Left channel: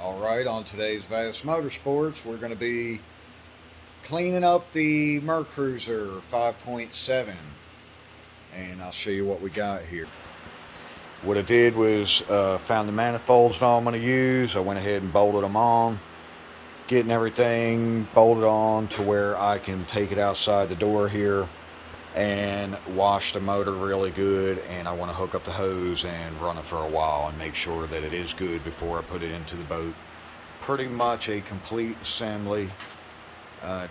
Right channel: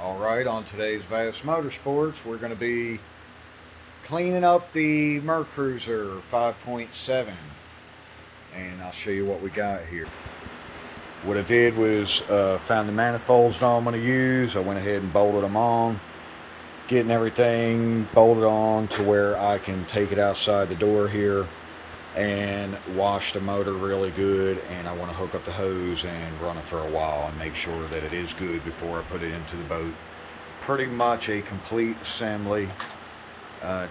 Alright, on today's Vassmotorsports, we're going to be cleaning up the Mercruiser 5.7, and I'll show you what we got here. What I did was found the manifolds that I'm going to use. I went ahead and bolted them on, getting everything bolted on to where I can take it outside the door here and wash the motor really good. And I want to hook up the hose and run it for a while and make sure that it is good before I put it into the boat. Pretty much a complete assembly.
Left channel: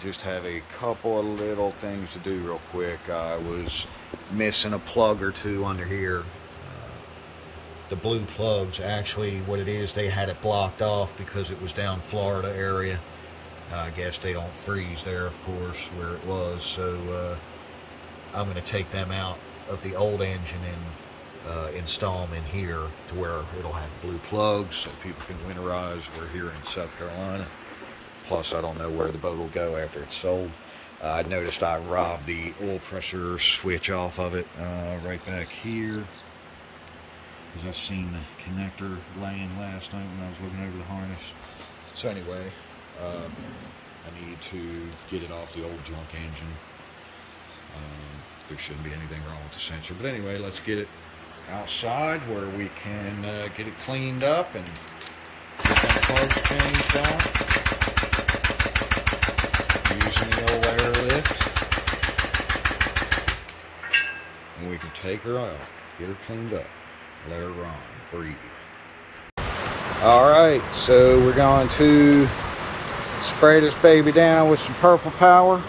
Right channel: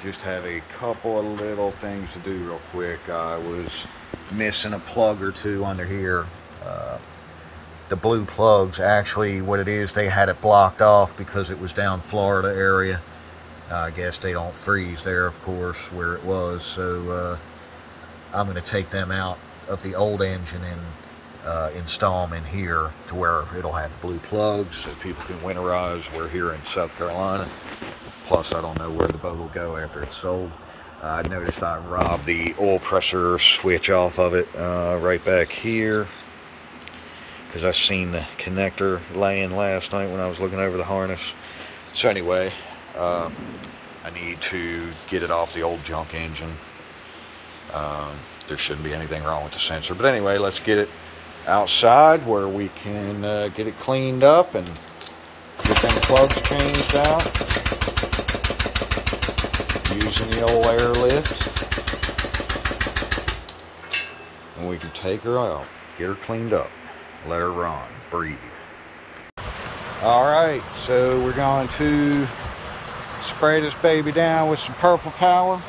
Just have a couple of little things to do real quick. I was missing a plug or two under here. The blue plugs, actually what it is, they had it blocked off because it was down Florida area. I guess they don't freeze there, of course, where it was. So I'm going to take them out of the old engine and install them in here to where it'll have the blue plugs so people can winterize. We're here in South Carolina. Plus, I don't know where the boat will go after it's sold. I noticed I robbed the oil pressure switch off of it right back here, because I seen the connector laying last night when I was looking over the harness. So anyway, I need to get it off the old junk engine. There shouldn't be anything wrong with the sensor. But anyway, let's get it outside where we can get it cleaned up and get them plugs changed out using the old airlift. And we can take her out, get her cleaned up. Let her run, breathe. Alright, so we're going to spray this baby down with some purple power.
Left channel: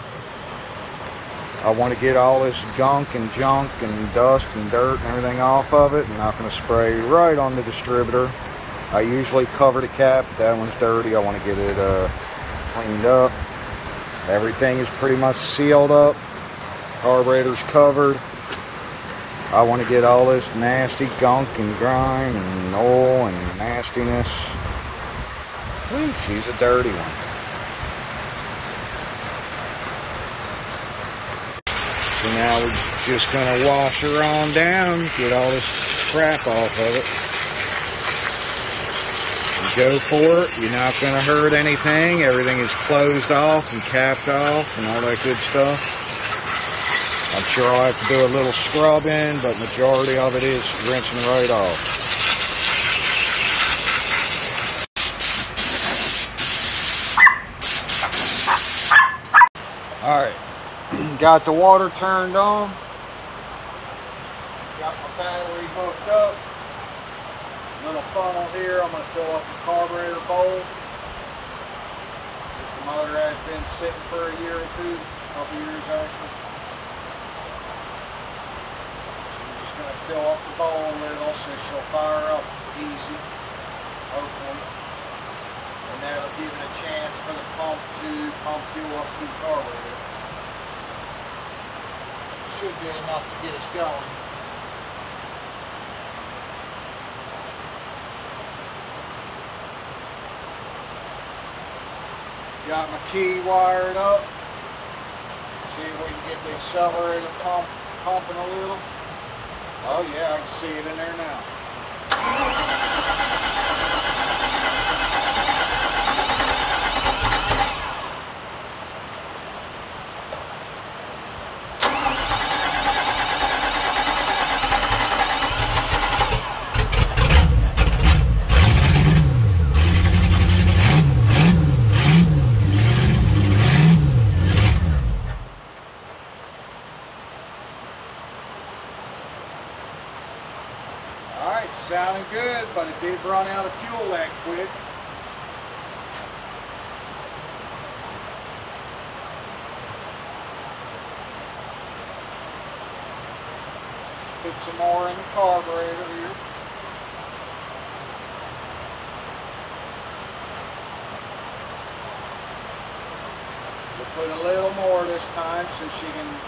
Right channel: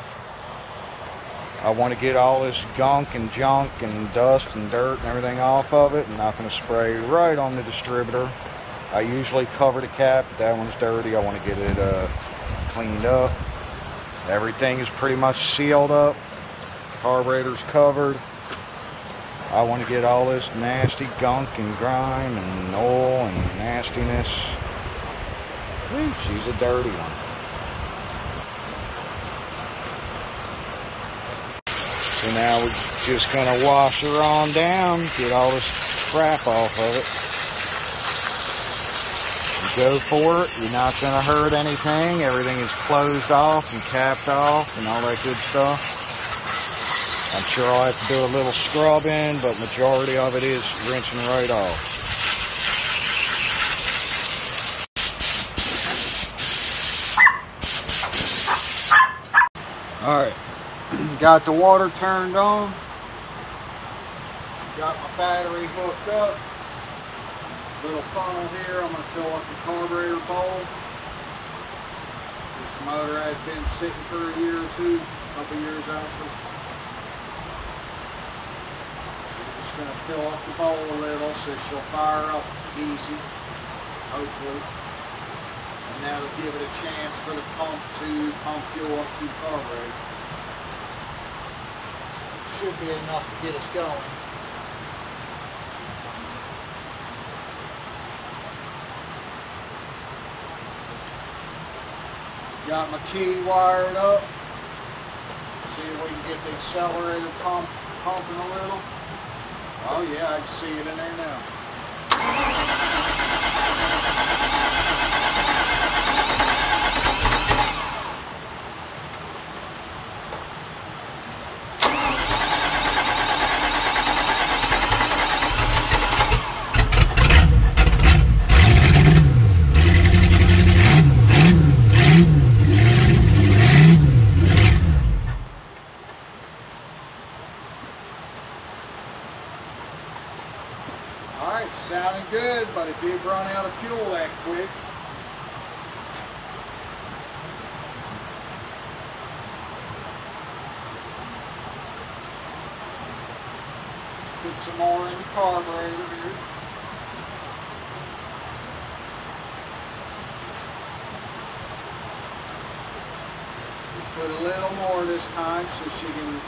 I want to get all this gunk and junk and dust and dirt and everything off of it. I'm not going to spray right on the distributor. I usually cover the cap, but that one's dirty. I want to get it cleaned up. Everything is pretty much sealed up. Carburetor's covered. I want to get all this nasty gunk and grime and oil and nastiness. Whew, she's a dirty one. So now we're just going to wash her on down, get all this crap off of it. You go for it, you're not going to hurt anything. Everything is closed off and capped off and all that good stuff. I'm sure I'll have to do a little scrubbing, but majority of it is rinsing right off. Alright, got the water turned on. Got my battery hooked up. Little funnel here, I'm going to fill up the carburetor bowl. This motor has been sitting for a year or two, a couple years actually. Going to fill up the bowl a little so she'll fire up easy, hopefully, and that'll give it a chance for the pump to pump fuel up to the carburetor. Should be enough to get us going. Got my key wired up. See if we can get the accelerator pumping a little. Oh yeah, I can see it in there now. Alright, sounding good, but it did run out of fuel that quick. Put some more in the carburetor here. We'll put a little more this time so she can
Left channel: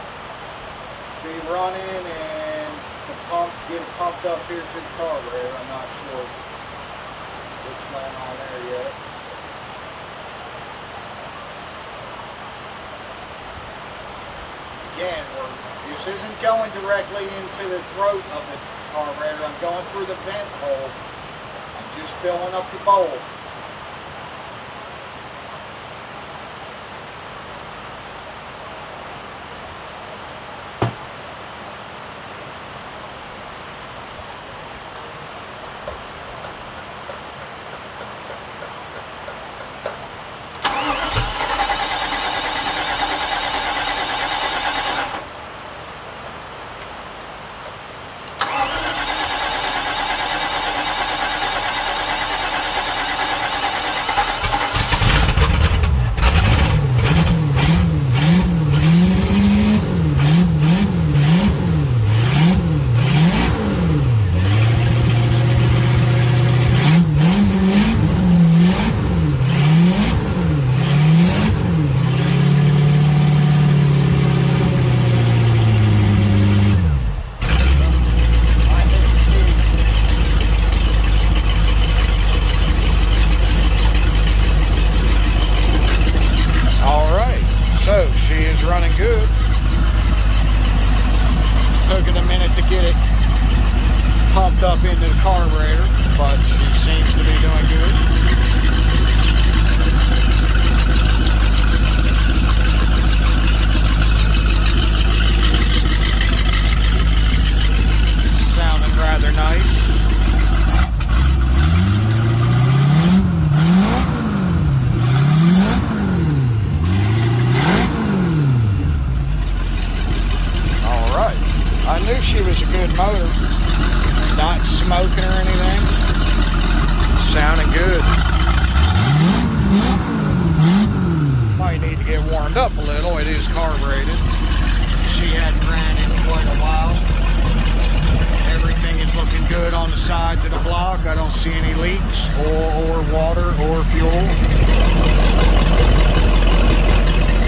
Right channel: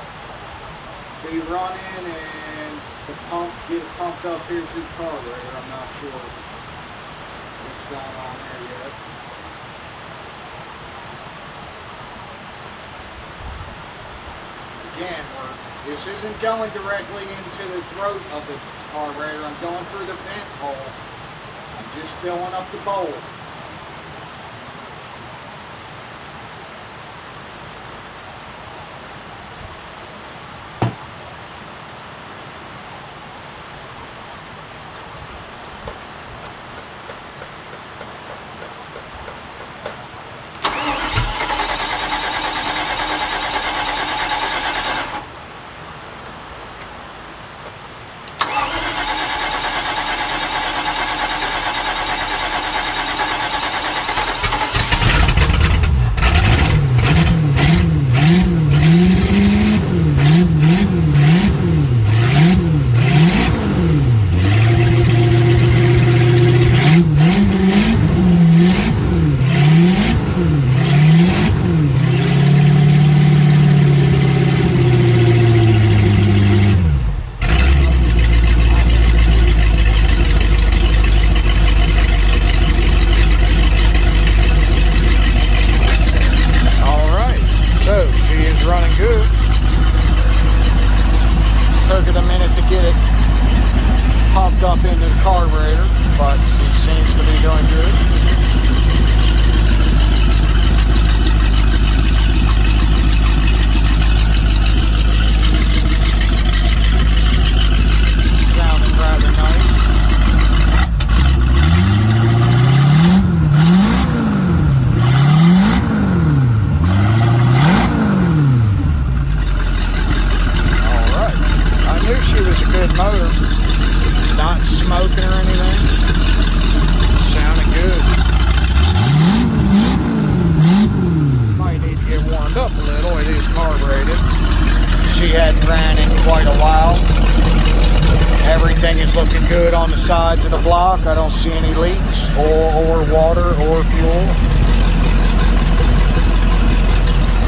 be running and the pump, get it pumped up here to the carburetor. I'm not sure what's going on there yet. Again, this isn't going directly into the throat of the carburetor. I'm going through the vent hole. I'm just filling up the bowl. get it pumped up into the carburetor, but she seems to be doing good. Sounding rather nice. I knew she was a good motor, not smoking or anything, sounding good. Might need to get warmed up a little, it is carbureted. She hadn't ran in quite a while. Everything is looking good on the sides of the block. I don't see any leaks or water or fuel.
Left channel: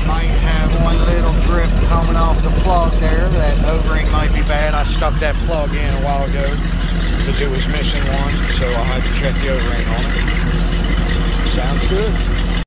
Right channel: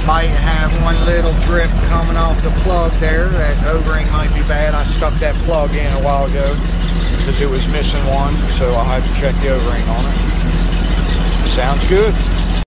Might have one little drip coming off the plug there. That O-ring might be bad. I stuck that plug in a while ago because it was missing one, so I'll have to check the O-ring on it. Sounds good.